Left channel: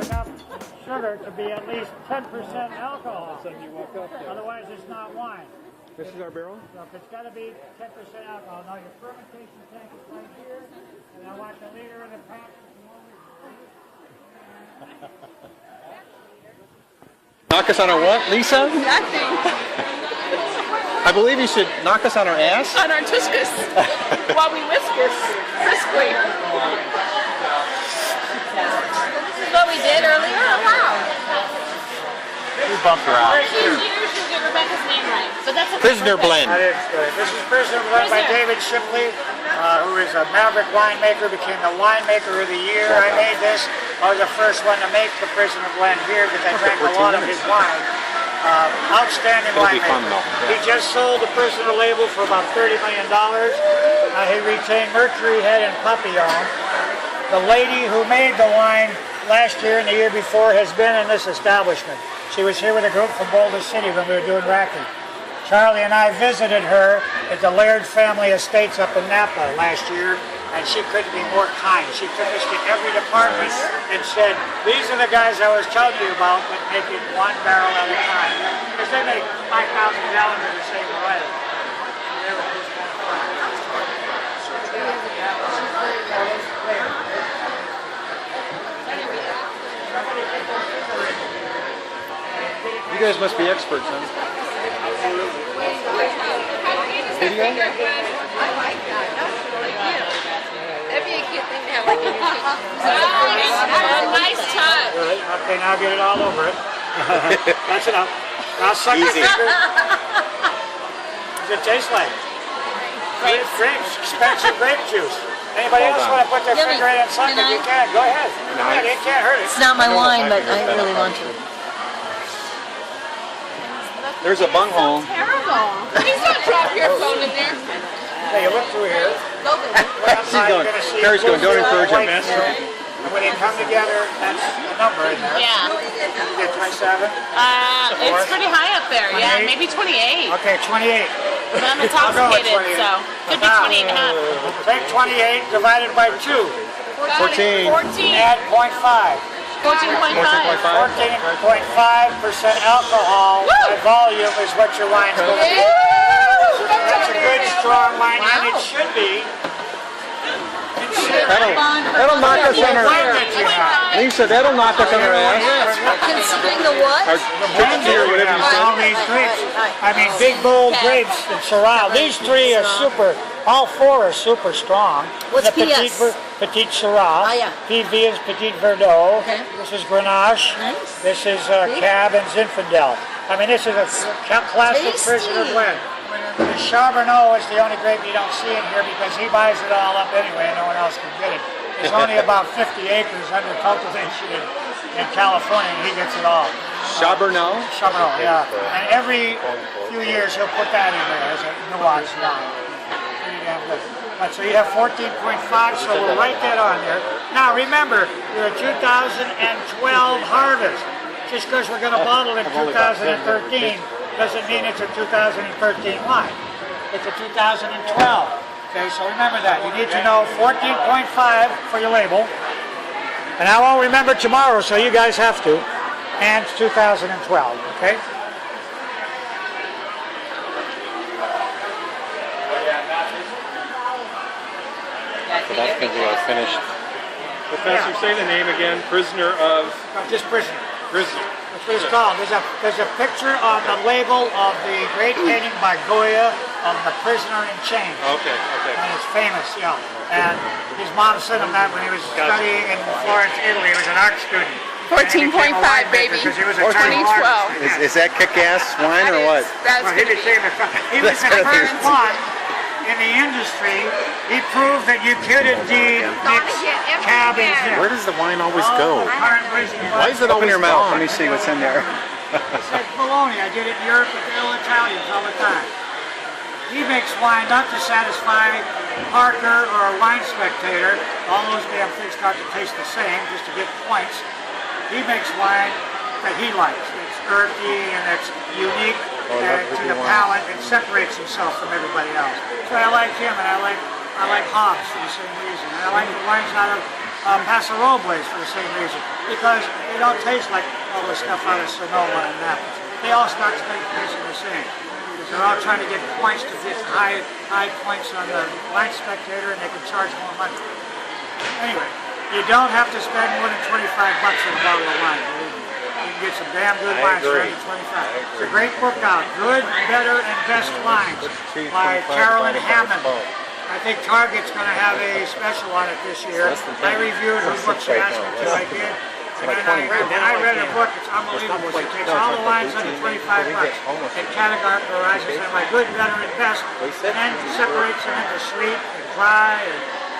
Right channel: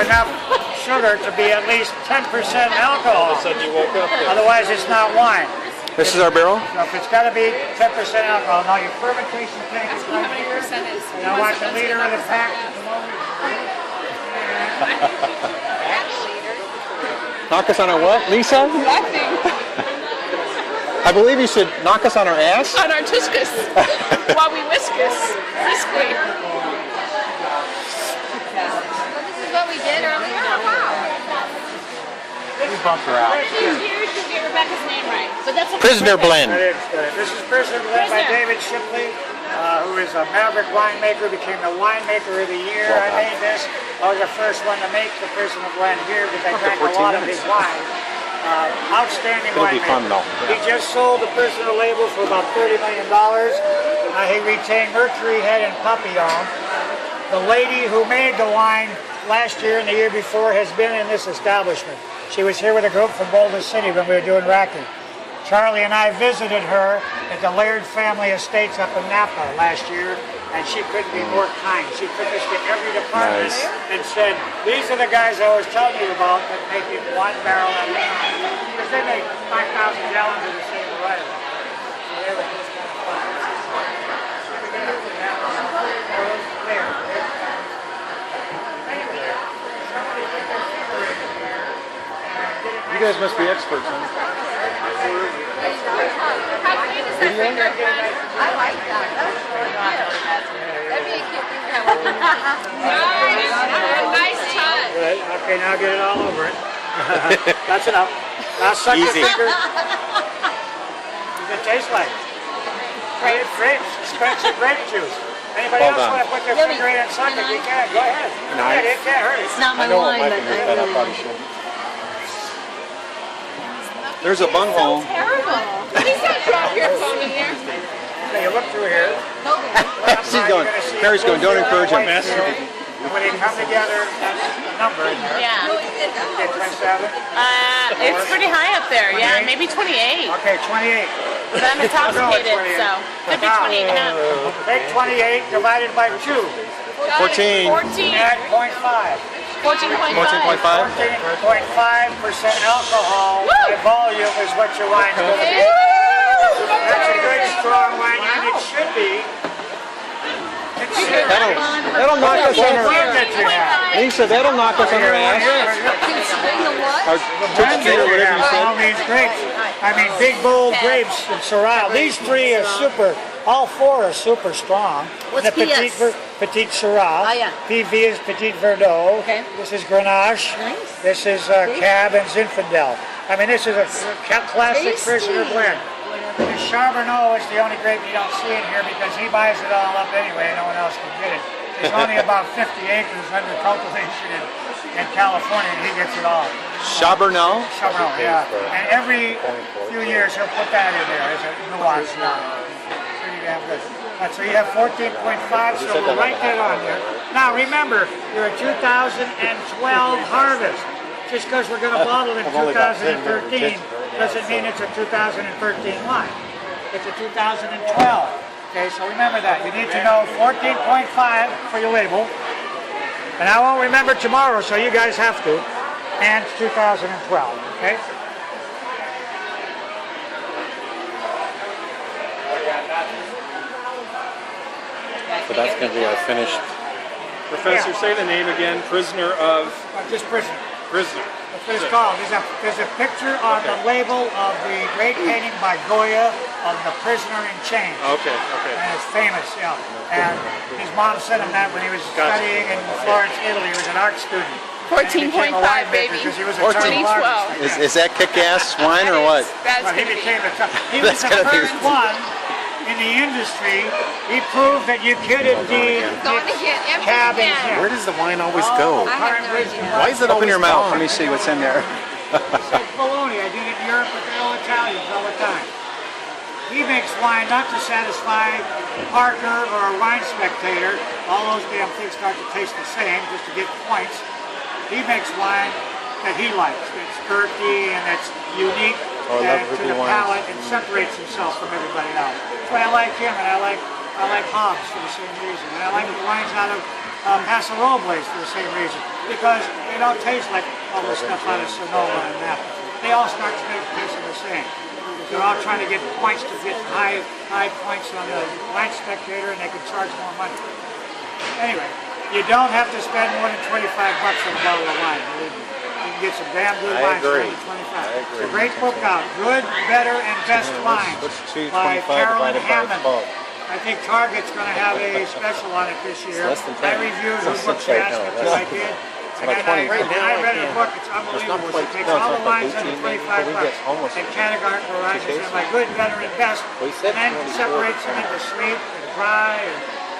enough sugar to be at least 10% alcohol. All of a sudden you woke up there. Otherwise, it's not wine. This is our barrel? So if it's got to be 10% alcohol. Now your fermentation tank is right here. And I want the leader of the pack to come over here. Knock us on our what, Lisa? Nothing. I believe you should knock us on our ass. On our tuscus. While we whiskus. Briskly. This is what we did earlier. We bumped her out. Who's yours? You get Rebecca's name right. So that's a Prisoner blend. This is Prisoner Blend by David Shipley, who is a maverick winemaker, became the winemaker of the year. I made this. I was the first one to make the Prisoner Blend here because I drank a lot of his wine. Outstanding winemaker. He just sold the Prisoner label for about $30 million. He retained Mercury Head and Papillon. The lady who made the wine last year and the year before has been in this establishment. She was here with a group from Boulder City when we were doing racking. Charlie and I visited her at the Laird family estates up in Napa last year, and she couldn't be more kind. She took us to every department and said, these are the guys I was telling you about that make it one barrel at a time. Because they make 5,000 gallons of the same variety. You guys must be experts, huh? Video? I like that. That'd be a cute thing to have. Nice touch. Good. Okay, now get it all over it. That's enough. Now suck your finger. What does it taste like? Grapes. Expensive grape juice. Anybody else want to put their finger in and suck it? You can. Go ahead. Go ahead. It can't hurt it. It's not my wine, but I really want to. There's a bunghole. Terrible. Please don't drop your phone in there. Okay, you look through here. She's going. Mary's going. Don't encourage him. And when they come together, that's the number in there. Yeah. You get 27. It's pretty high up there. Yeah, maybe 28. Okay, 28. But I'm intoxicated, so could be 28 and a half. Take 28 divided by 2. 14. 14. Add 0.5. 14.5. 14.5. 14.5% alcohol by volume is what your wine's going to be. That's a good strong wine, and it should be. That'll knock us on our ass. Lisa, that'll knock us on our ass. Considering the what? Our Trixie or whatever you All said. these grapes. I mean, big, bold grapes and Syrah. These three are super, all four are super strong. What's the PS? Petite Syrah. Oh, yeah. PV is Petite Verdot. Okay. This is Grenache. Nice. This is Cab and Zinfandel. I mean, this is a classic Tasty. Prisoner blend. The Charbonneau is the only grape you don't see in here because he buys it all up anyway and no one else can get it. There's only about 50 acres under cultivation in California and he gets it all. Charbonneau? Charbonneau, yeah. And every few years he'll put that in there as a nuance wine. Pretty damn good. Right, so you have 14.5, so we'll write that on there. Now remember, you're a 2012 harvest. Just because we're going to bottle in 2013 doesn't mean it's a 2013 wine. It's a 2012. Okay, so remember that. You need to know 14.5 for your label. And I won't remember tomorrow, so you guys have to. And it's 2012, okay? So that's going to be our finished. Professor, say the name again. Prisoner of... Just Prisoner. Prisoner. That's what it's called. There's a picture on the label of the great painting by Goya of the Prisoner in Chains. Okay. And it's famous, yeah. And his mom sent him that when he was studying in Florence, Italy. He was an art student. 14.5, baby. Because he was a 2012. Is that kick-ass wine or what? That's Well, he going to be. became he was the That's gonna be- first one in the industry. He proved that you could indeed mix cab and Zin. Where does the wine always go? Why is it open your mouth? Let me see what's in there. It's like bologna. I did it in Europe with the old Italians all the time. He makes wine not to satisfy Parker or a wine spectator. All those damn things start to taste the same just to get points. He makes wine that he likes. That's earthy and that's unique to the palate and separates himself from everybody else. That's why I like him, and I like hops for the same reason. And I like the wines out of Paso Robles for the same reason, because they don't taste like all the stuff out of Sonoma and that. They all start tasting the same. Because they're all trying to get points to get high points on the Wine Spectator, and they can charge more money. Anyway, you don't have to spend more than $25 on a bottle of wine. You can get some damn good wines for under $25. It's a great book out, Good, Better, and Best Wines by Carolyn Hammond. I think Target's going to have a special on it this year. I reviewed her book she asked me to, I did. And then when I read her book, it's unbelievable. She takes all the wines under $25 and categorizes them by good, better, and best, and then separates them into sweet and dry.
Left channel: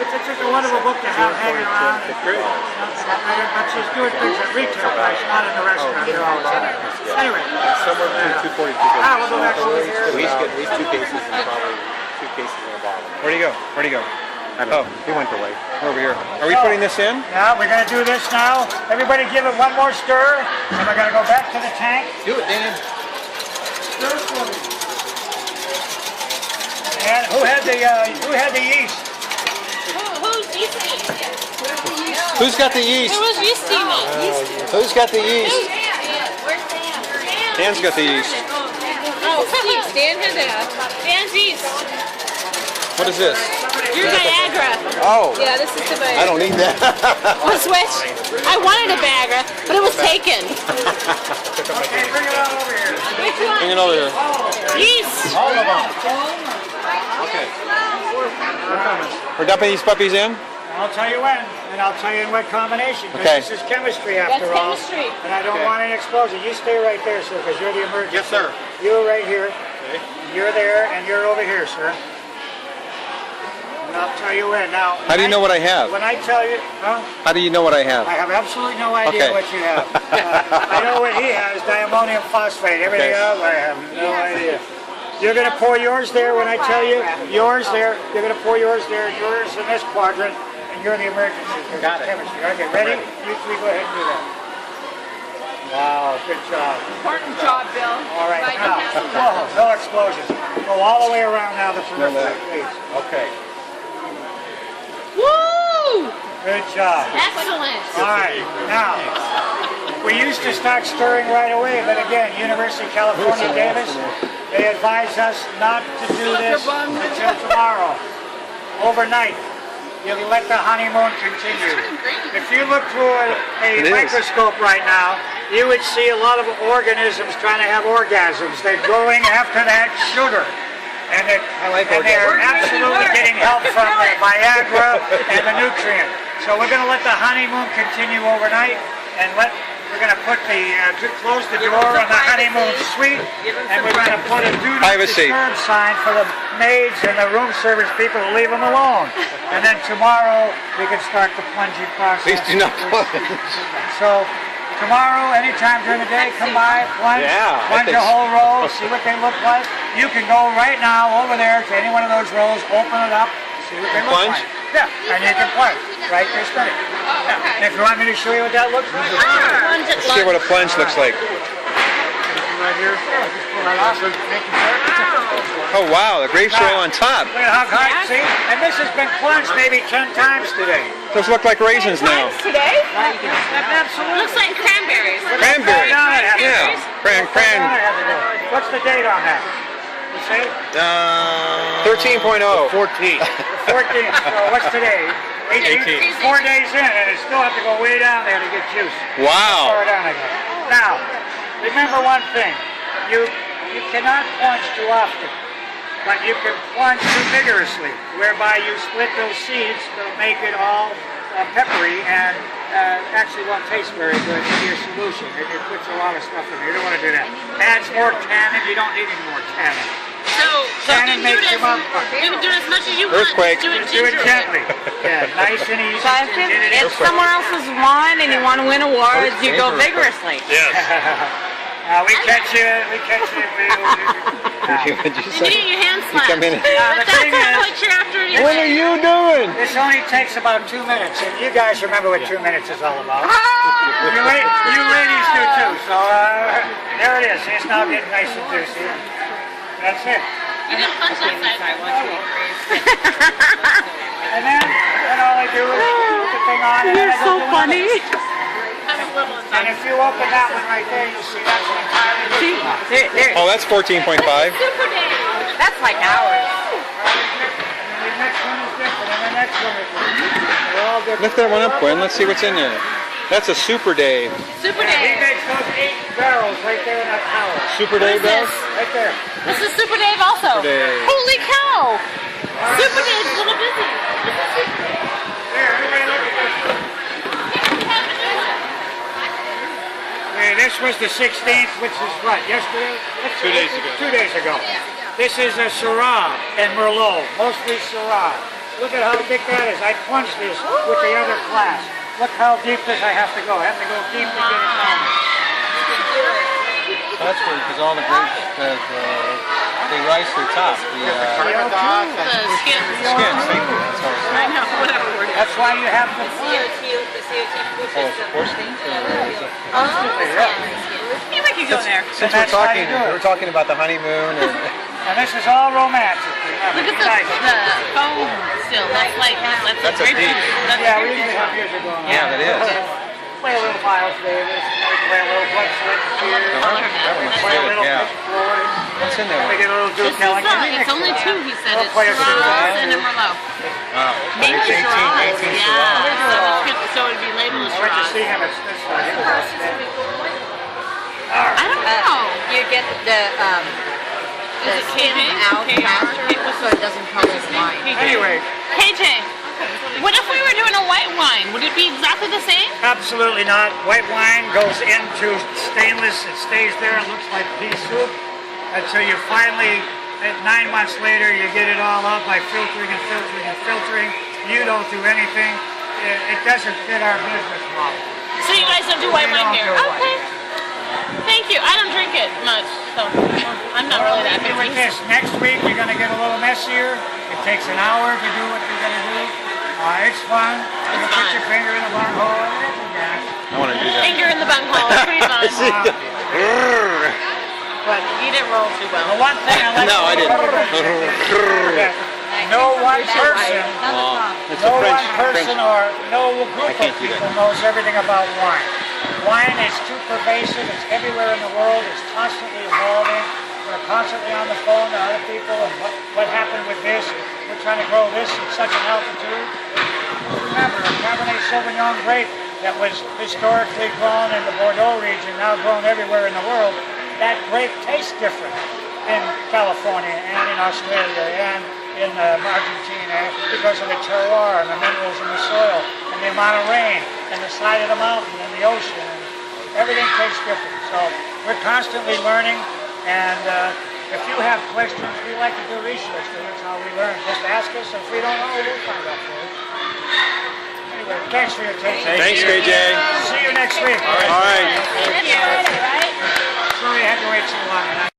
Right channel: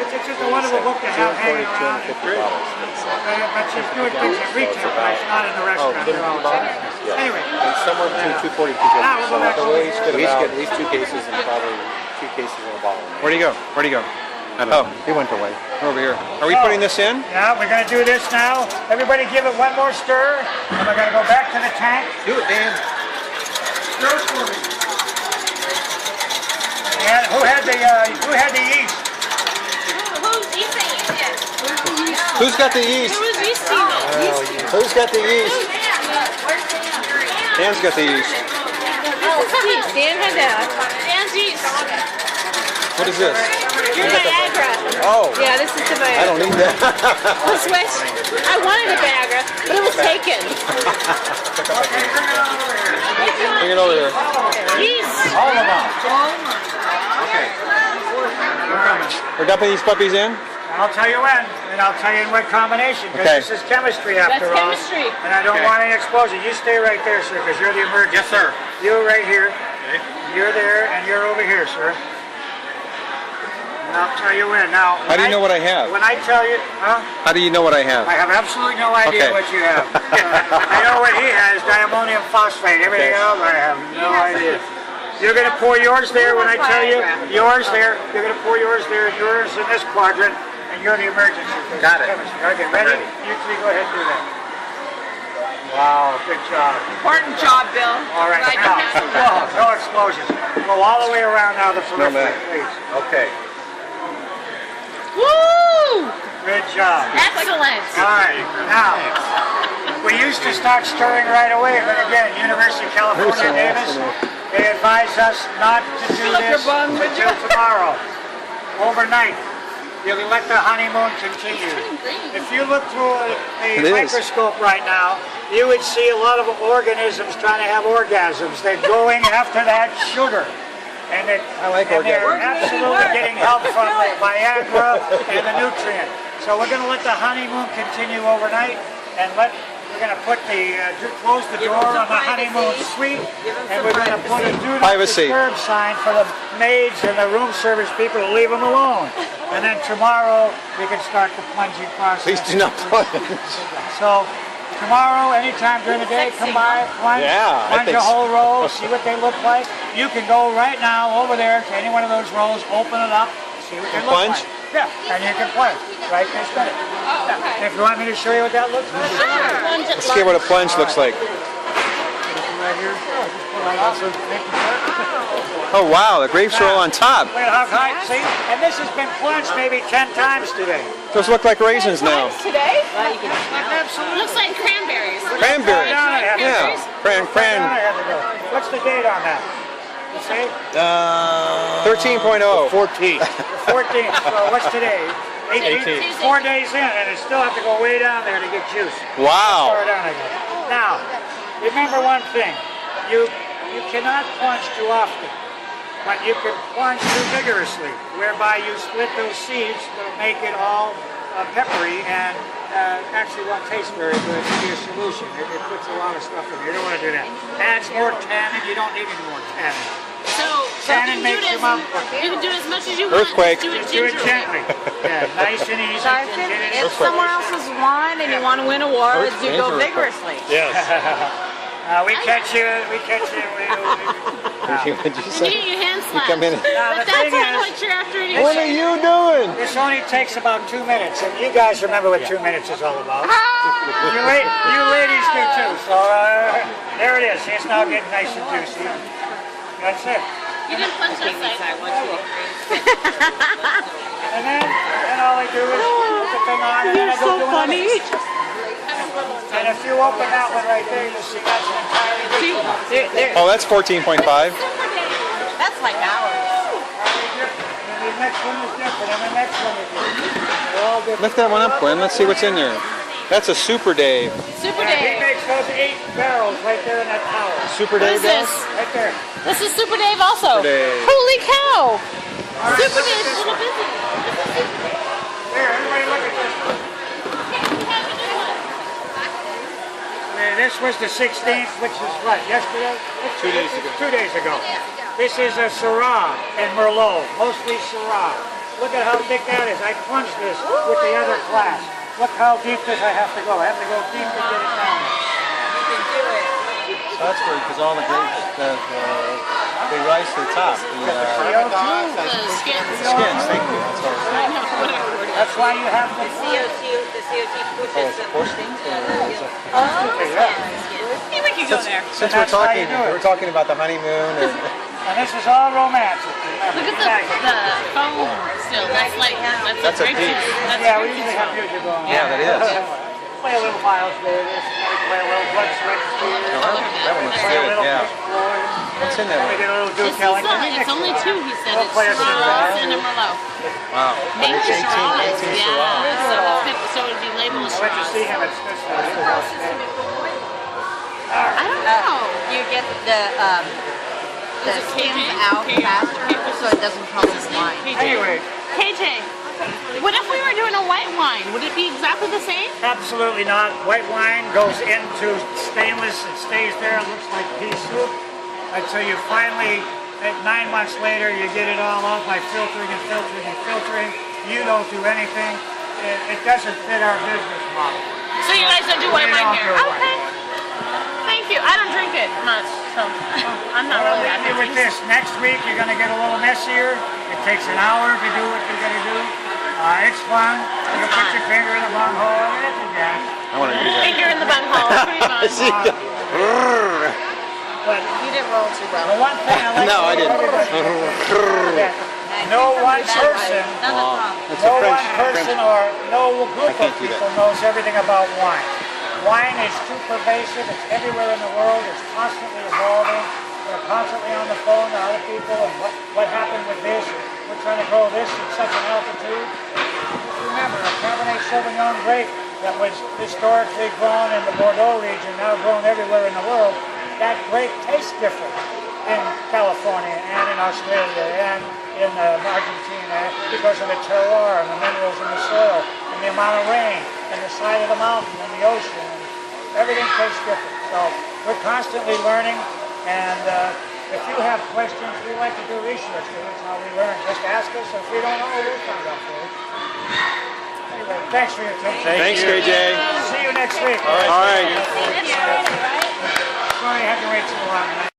It's just a wonderful book to have hanging around. But she's doing things at retail price, not in the restaurant. They're always in there. Anyway. Somewhere between 240 and 250. Now we'll go back over here. At least 2 cases and probably 2 cases in a bottle. Where'd he go? Where'd he go? Oh, he went away. Over here. Are we putting this in? Yeah, we're going to do this now. Everybody give it one more stir, and we're going to go back to the tank. Do it, Dan. Stir for me. And who had the yeast? Who's got the yeast? Who was yeasting it? Who's got the yeast? Dan's got the yeast. Oh, Dan had that. Dan's yeast. What is this? Your Viagra. Oh. Yeah, this is the Viagra. I don't need that. The switch. I wanted a Viagra, but it was taken. Bring it over here. Yeast. All of them. Okay. We're dumping these puppies in? I'll tell you when, and I'll tell you in what combination, because Okay. this is chemistry after all. That's chemistry. And I don't want any explosion. You stay right there, sir, because you're the emergency. Yes, sir. You're right here. You're there, and you're over here, sir. And I'll tell you when. Now, How do you know what I have? When I tell you, huh? How do you know what I have? I have absolutely no idea Okay. what you have. I know what he has, diammonium phosphate. Everything else, I have no idea. You're going to pour yours there when I tell you. Yours there. You're going to pour yours there, and yours in this quadrant, and you're the emergency. Got it. Okay, ready? You three go ahead and do that. Wow, good job. Important job, Bill. All right, now, whoa, no explosions. Go all the way around now the periphery, please. Okay. Woo! Good job. Excellent. All right, now, we used to start stirring right away, but again, University of California, Davis, they advise us not to do this until tomorrow, overnight. You can let the honeymoon continue. If you look through a microscope right now, you would see a lot of organisms trying to have orgasms. They're going after that sugar. And they're absolutely getting help from the Viagra and the nutrient. So we're going to let the honeymoon continue overnight, and we're going to put close the door on the honeymoon suite, and we're going to put a do not disturb sign for the maids and the room service people to leave them alone. And then tomorrow we can start the plunging process. Please do not plunge. So tomorrow, anytime during the day, come by, plunge a whole roll, see what they look like. You can go right now over there to any one of those rolls, open it up, see what they look like. Yeah, and you can plunge right there, spin it. Yeah. If you want me to show you what that looks like. Let's see what a plunge looks like. Right here. Just pull that off. Thank you, sir. Oh wow, the grapes are all on top. Look at how high, see? And this has been plunged maybe 10 times today. Those look like raisins now. Today? Absolutely. Looks like cranberries. Cranberries. Yeah. Cran. What's the date on that? You say? 13.0. 14. So what's today? 18. 4 days in, and it still have to go way down there to get juice. Wow. Far down again. Now, remember one thing. You cannot plunge too often, but you can plunge too vigorously, whereby you split those seeds to make it all peppery and actually won't taste very good in your solution. It puts a lot of stuff in there. You don't want to do that. Adds more tannin. You don't need any more tannin. So Tannin makes your mouth you can do as much as you want. Earthquake. Just do it gently. Yeah, nice and easy. Get it in. If someone else's wine and you want to win awards, you go vigorously. Yes. We catch you. What'd you You say? need your hand You slapped. come in. the But that's thing not is, what you're after. What are you doing? this only takes about 2 minutes, and you guys remember what 2 minutes is all about. You ladies do too. So there it is. See, it's now getting nice and juicy. And that's it. You didn't punch that side. And then all I do is put the thing on, and then I go do another. And if you open that one right there, you'll see that's an entirely different one. Oh, that's 14.5. Super Dave. That's like ours. And the next one is different, and the next one is different. They're all different. Lift that one up, Quinn. Let's see what's in there. That's a Super Dave. Super He Dave. makes those 8 barrels right there in that tower. Super Dave does? Right there. This is Super Dave also. Super Dave. Holy cow. Super Dave's a little busy. Here, everybody look at this one. Okay, this was the 16th, which was what, yesterday? 2 days ago. 2 days ago. This is a Syrah and Merlot, mostly Syrah. Look at how big that is. I plunged this with the other class. Look how deep this I have to go. I have to go deep to get it down there. So that's weird because all the grapes, they rise to the top. The CO2. skins, thank you. That's all. That's why you have the Oh, it's a porcelain? Yeah, we could go there. Since we're talking about the honeymoon And this is all romantic. Remember, Look be at nice. the foam still. That's like That's a deep. Yeah, we usually have music going on. Yeah, that is. Play a little Miles Davis. We play a little Blood, Sweat, and Tears. No, that one looks Play a good, little yeah. Pink Floyd. What's in there? We get a little Duke This is Ellington. it's only 2, he said. We'll It's play a Syrah few. and Merlot. Wow. But it's 18 Syrah. So it would be labeled as I went to see Syrah. him at this one. He was outstanding. I don't know. You get the skim out faster so it doesn't cause us wine. Anyway, KJ, what if we were doing a white wine? Would it be exactly the same? absolutely not. White wine goes into stainless. It stays there. It looks like pea soup until you finally, 9 months later, you get it all out by filtering and filtering and filtering. You don't do anything. It doesn't fit our business model. So you guys don't do white We wine don't here? do white. Okay. Thank you. I don't drink it much, so I'm not Well, really that leave you with picky. this. Next week, you're going to get a little messier. It takes an hour to do what you got to do. It's fun. You put your finger in the bunghole and it's a gas. I want to do that. Finger in the bunghole. Pretty fun. But You didn't roll too well. the one thing I like No, I didn't. Yeah, no one person, Oh, it's a no French. one person or no group can't of do that. people knows everything about wine. Wine is too pervasive. It's everywhere in the world. It's constantly evolving. We're constantly on the phone to other people and what happened with this. We're trying to grow this at such an altitude. Just remember, a Cabernet Sauvignon grape that was historically grown in the Bordeaux region, now grown everywhere in the world, that grape tastes different in California and in Australia and in Argentina because of the terroir and the minerals in the soil and the amount of rain and the side of the mountain and the ocean. And everything tastes different. So we're constantly learning, and if you have questions, we like to do research because that's how we learn. Just ask us. If we don't know, we'll find out for you. Anyway, thanks for your attention. Thanks, KJ. See you next week. All right. Sorry I had to wait so long.